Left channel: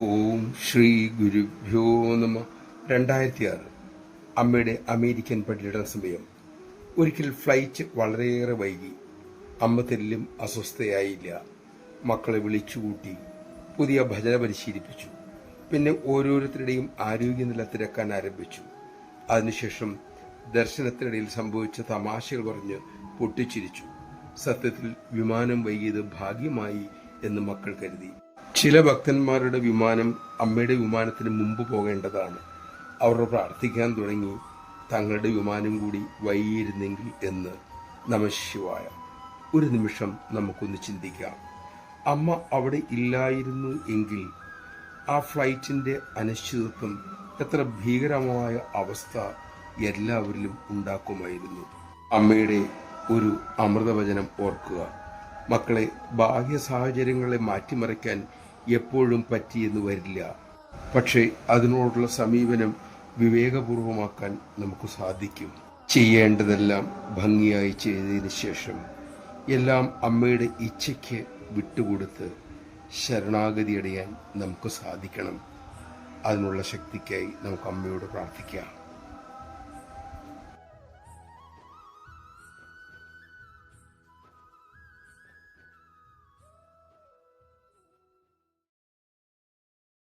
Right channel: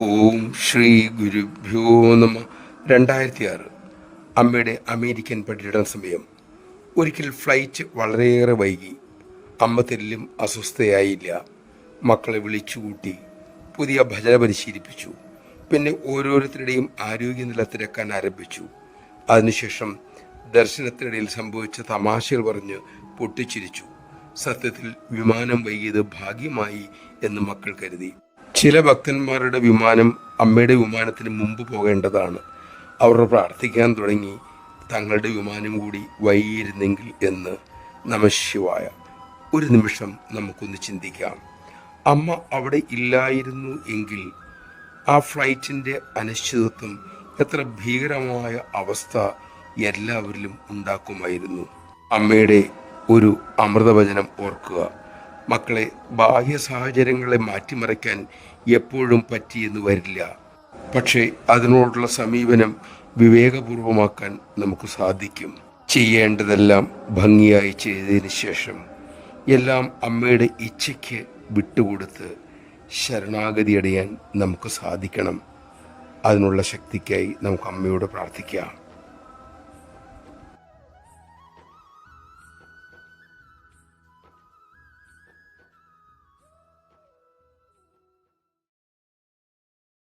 ഓം ശ്രീ ഗുരുഭ്യോ നമ. 2006 അമ്മയുടെ അമേരിക്കൻ പര്യടന സമയം. ഒരിക്കൽ ഫ്ലൈറ്റ് വളരെയേറെ വൈകി. അമ്മ തെല്ലും അസ്വസ്ഥയായില്ല. മക്കളെ വിളിച്ചുകൂട്ടി പുതിയ ഭജന പരിശീലിപ്പിച്ചു. പിന്നെ ഓരോരുത്തരുടെയും ആരോഗ്യനില തിരക്കാൻ ആരംഭിച്ചു. അതിനുശേഷം ദർശനത്തിനിടയിൽ സംഭവിച്ച തമാശകൾ പറഞ്ഞ് പൊട്ടിച്ചിരിച്ചു. സത്യത്തിൽ വിമാനം വൈകിയത് ഭാഗ്യമായി എന്ന് മക്കൾ കരുതി. ചില ഭക്തന്മാരുടെ വിമാനം അമ്മയുടെ വിമാനത്തിന് മുമ്പ് പോകേണ്ടതാണ്. അവർ പ്രാർത്ഥിക്കാൻ തുടങ്ങി, തങ്ങളുടെ വിമാനം കൂടി വൈകിയിരുന്നെങ്കിൽ എന്ന്. നമഃശിവായ. ഒരു നിമിഷം നമുക്കൊന്ന് ചിന്തിക്കാം. അമ്മ അവിടെ ഇല്ലായിരുന്നു എങ്കിൽ ആ ഫ്ലൈറ്റിൻ്റെ അനിശ്ചിതത്വം എത്ര ഭീകരമായ അവസ്ഥ എല്ലാവരിലും ഉണ്ടാക്കുമായിരുന്നു. അമ്മയുടെ ഒരു അമൃതവചനം ഓർക്കുക. മക്കളെ, ബാഹ്യ സാഹചര്യങ്ങളെ മാറ്റിമറിക്കാൻ എപ്പോഴും പറ്റിയെന്ന് വരില്ല. പക്ഷേ അതിനോടുള്ള സമീപനം വിവേകപൂർവമാക്കാൻ നമുക്ക് സാധിക്കും. ചെയ്യേണ്ടതെല്ലാം ഭംഗിയായി ചെയ്തതിന് ശേഷം എല്ലാം അമ്മയുടെ ഇച്ഛയ്ക്ക് വിട്ടുകൊടുത്ത് ശരണാഗതി അടയാൻ നമുക്ക് സാധിക്കണം. അതിനുള്ള ശക്തിക്കായി നമുക്ക് അമ്മയോട് പ്രാർത്ഥിക്കാം.